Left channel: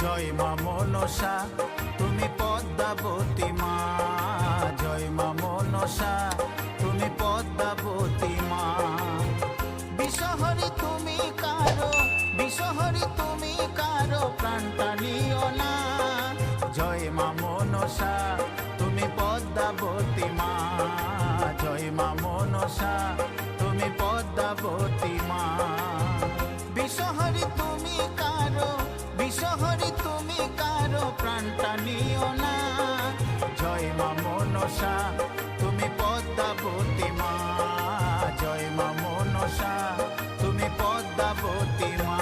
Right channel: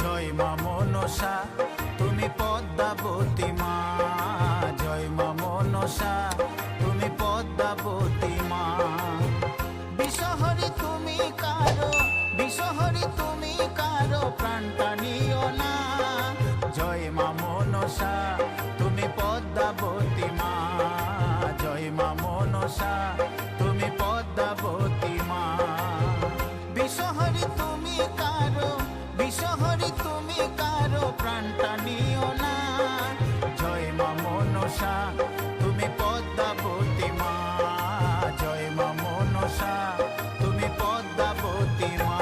জয় মা মনসা তুমি পদ্মাবতী মা, জয় মা মনসা তুমি পদ্মাবতী মা। বিষহরি তুমি কারো, বিষহরি তুমি কারো প্রাণটা নিও না। জয় মা মনসা তুমি পদ্মাবতী মা, জয় মা মনসা তুমি পদ্মাবতী মা। বিষহরি তুমি কারো, বিষহরি তুমি কারো প্রাণটা নিও না। জয় মা মনসা তুমি পদ্মাবতী মা, জয় মা মনসা তুমি পদ্মাবতী মা।